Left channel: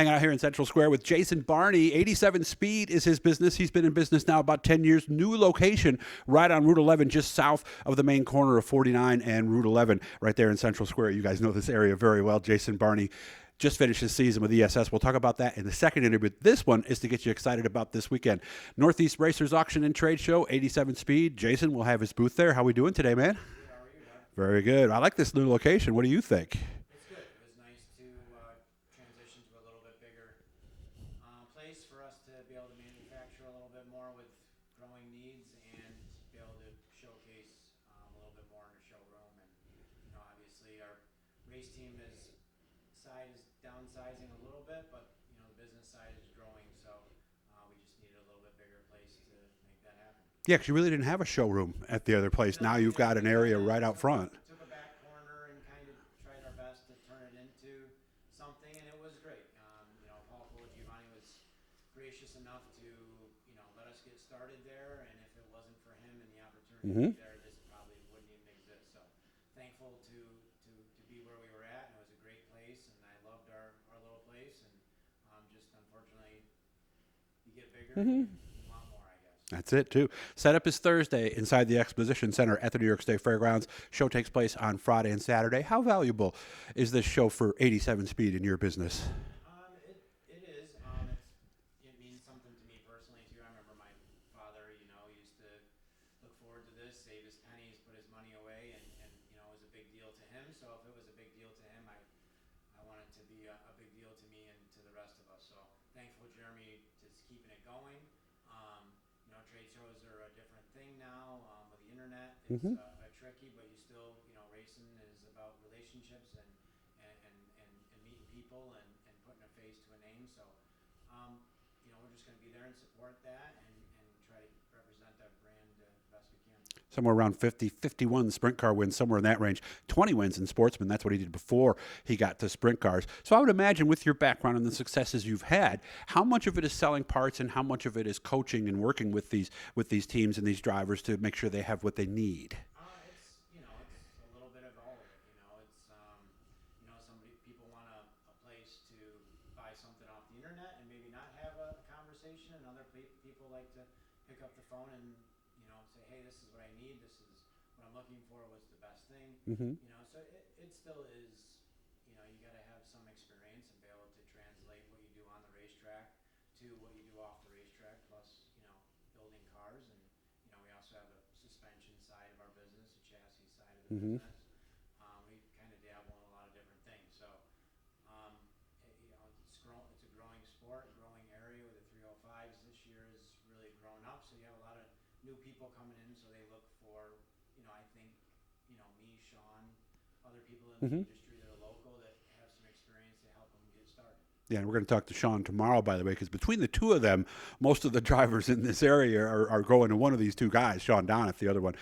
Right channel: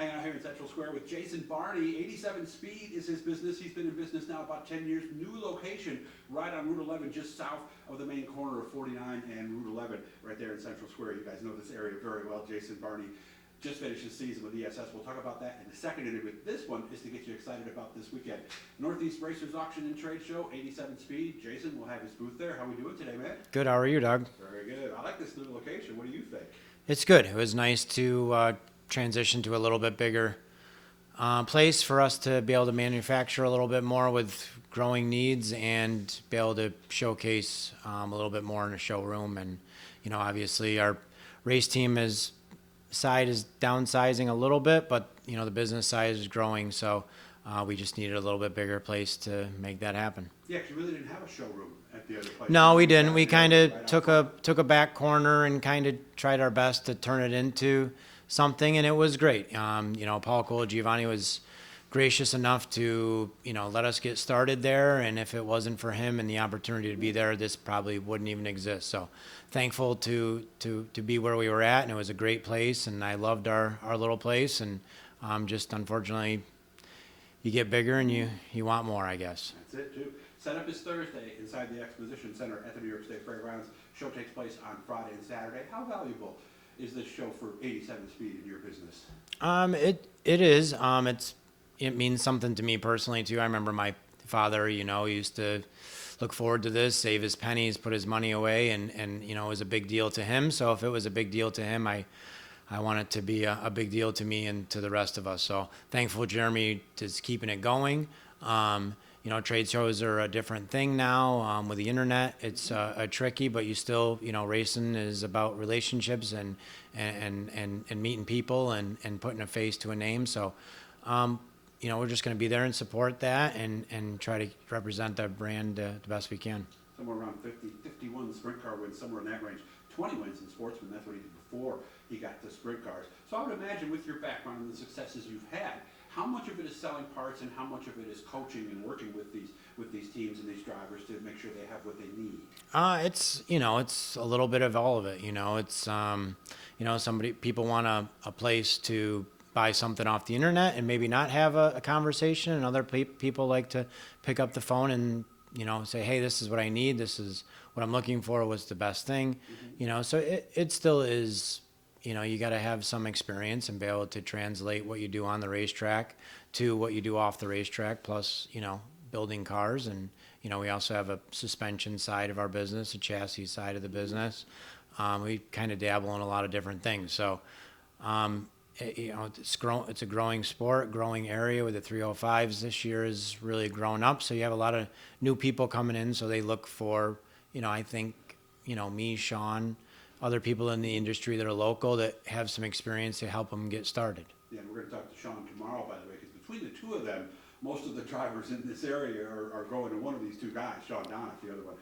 Hanging out here in Central Square with Jason Barney. 87 Speed is his business. He's been in business now about 10 years. New location right on Route 11, just south of the main corner of 49 and Route 11, right there in Central Square. You guys know this area very well. Jason Barney just finished his season with ESS. We'll talk about that in the second interview. This one is to get you excited about this weekend. Northeast Racers Auction and Trade Show, 87 Speed. Jason will have his booth there. How we doing today, man? Good. How are you, Doug? Very good. I like this new location. What do you think? It's good. It was nice to transition to a little bit bigger place for us to be able to manufacture a little bit more with growing needs and be able to showcase a little bit more in a showroom. And, you know, obviously our race team side is downsizing a little bit, but, you know, the business side is growing. So we just needed a little bit bigger place to make that happen. Yeah, because you really didn't have a showroom at the other place. No, we didn't. We kind of took a back corner and kind of tried our best to turn it into something, and it was great. You know, Paul Giovanni was gracious enough to, you know, let us get started there, and if it wasn't for him and the opportunity to be there, this probably wouldn't even exist. So thankful to be where we were at, and it was a great place, and I loved our little place, and just unfortunately you get bigger and you want more, I guess. That's it, too. Setup is Thursday inside the Exposition Center at the New York State Fairgrounds. Show takes place on Friday and Saturday. How valuable is this show for 87 Speed in your business? It is. It means something to me personally, too. I remember my father, you know, used to look forward to this, save his pennies, put his money away, and you know, it was a big deal to him. So if it was a big deal to him, I want it to be a big deal to me and to the rest of us. So thankful Jeremy is keeping it going. You know, trade shows are a different thing now with the internet. It's tricky, but you still, you know, racing is about relationships and meeting people and putting a face to a name. So, you know, we're just going to be there and support that and try to represent the brand the best we can. Somewhere around 50, 51 sprint car wins, somewhere in that range. 20 wins in Sportsman. That's what he did before he got to sprint cars. So I would imagine with your background and the successes you've had, how much of it is selling parts and how much of it is coaching and working with these teams and these drivers to make sure they have what they need? It's, you know, it's a little bit of all of it. You know, it's, you know, people want a place to buy something off the internet and maybe not have a conversation, and other people like to pick up the phone and, you know, say, hey, this is what I need. This is what I'm looking for. What's the best thing? You know, so it still is, you know, you got to have some experience and be able to translate what you do on the racetrack to what you do off the racetrack, plus, you know, building cars. And, you know, we also have a suspension side of our business, a chassis side of the business. We kind of dabble in a lot of different things. So, you know, it's a growing sport, growing area with the 305s this year is really grown up. So you have a lot of new people coming in. So they look for, you know, I think, you know, me, Sean, other people in the industry that are local that have some experience to help them get started. Yeah, and we're going to talk to Sean tomorrow, by the way, because between the two of them, most of the drivers in this area are going to one of these two guys, Sean Donat, the other one,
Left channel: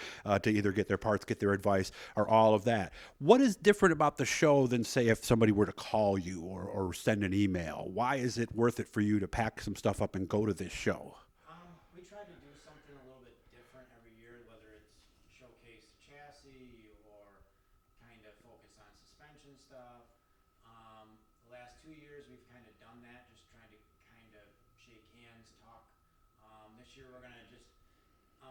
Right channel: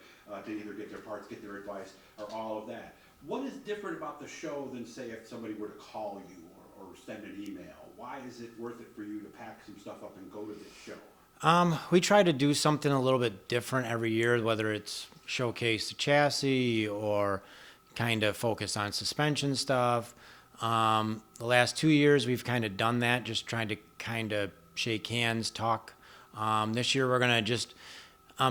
to either get their parts, get their advice, or all of that. What is different about the show than, say, if somebody were to call you or send an email? Why is it worth it for you to pack some stuff up and go to this show? We try to do something a little bit different every year, whether it's showcase the chassis or kind of focus on suspension stuff. The last 2 years we've kind of done that, just trying to kind of shake hands, talk. This year we're going to just,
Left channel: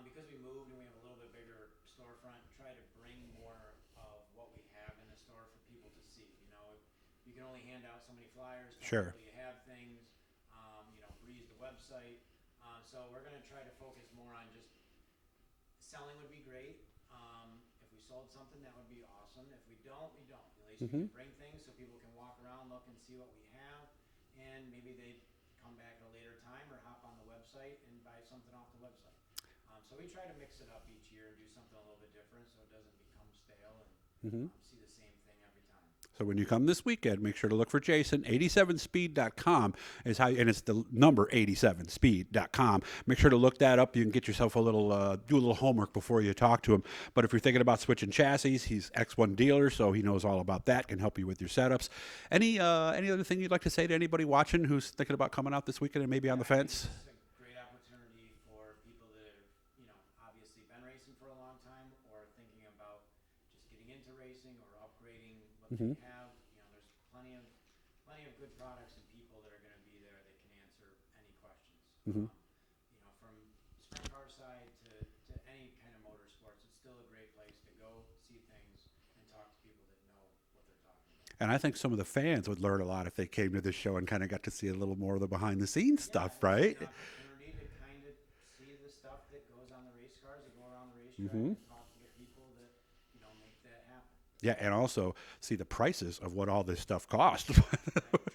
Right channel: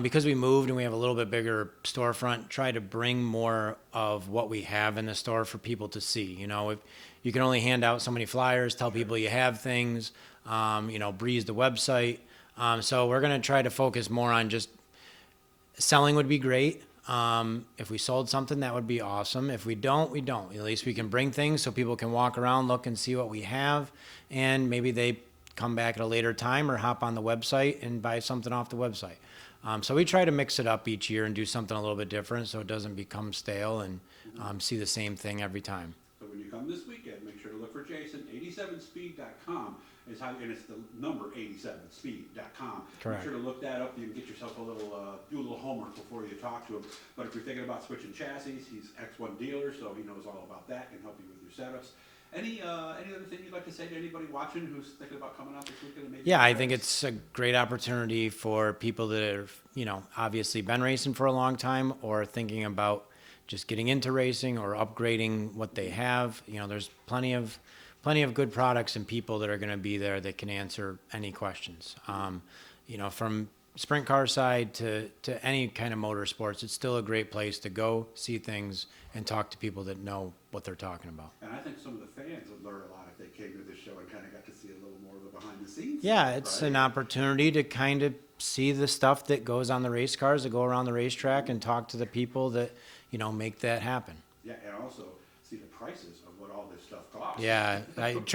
because we moved and we have a little bit bigger storefront, try to bring more of what we have in the store for people to see. You know, if you can only hand out so many flyers, tell people you have things, you know, breeze the website. So we're going to try to focus more on just selling would be great. If we sold something, that would be awesome. If we don't, we don't. At least we can bring things so people can walk around, look and see what we have, and maybe they come back at a later time or hop on the website and buy something off the website. So we try to mix it up each year and do something a little bit different so it doesn't become stale and see the same thing every time. So when you come this weekend, make sure to look for Jason. 87speed.com is how, and it's the number 87speed.com. Make sure to look that up. You can get yourself a little, do a little homework before you talk to him. But if you're thinking about switching chassis, he's X1 dealer, so he knows all about that. Can help you with your setups. Any other thing you'd like to say to anybody watching who's thinking about coming out this weekend and maybe? Yeah, I think it's a great opportunity for people that have, you know, obviously been racing for a long time or thinking about just getting into racing or upgrading what they have. You know, there's plenty of plenty of good products and people that are going to be there that can answer any questions. From sprint car side to any kind of motorsports, it's still a great place to go see things and talk to people that know what they're talking about. And I think some of the fans would learn a lot if they came to this show and kind of got to see a little more of the behind the scenes Yeah, stuff, it's right? an opportunity to kind of see the stuff that goes on the race cars, that go around the racetrack, and talk to the people that, make that happen. Yeah, and also see the prices of what all this stuff costs. Yeah, I would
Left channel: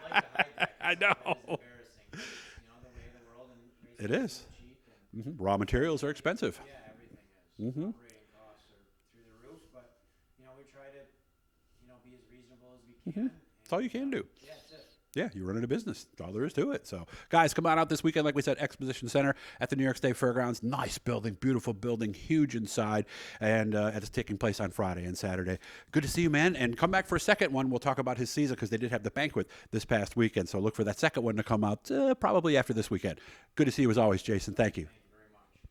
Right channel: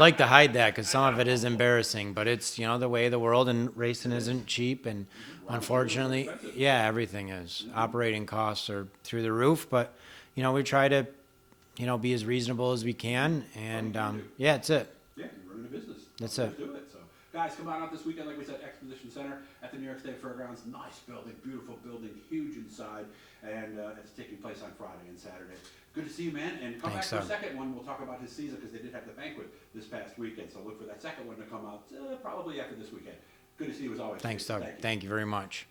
like to hide that because some of it is embarrassing, but it's, the way of the world, and racing isn't cheap. And Raw materials are unfortunately, expensive. yeah, everything is. Operating costs are through the roof, but, we try to, be as reasonable as we can. That's all you And can do. yeah, that's it. Yeah, you're running a business. That's That's all there is to it. So, guys, come on out this weekend. Like we said, Exposition Center at the New York State Fairgrounds. Nice building, beautiful building, huge inside. And it's taking place on Friday and Saturday. Good to see you, man. And come back for a second one. We'll talk about his season because they did have the banquet this past weekend. So look for that second one to come out probably after this weekend. Good to see you as always, Thanks, Jason. Doug. Thank you. Thank you very much.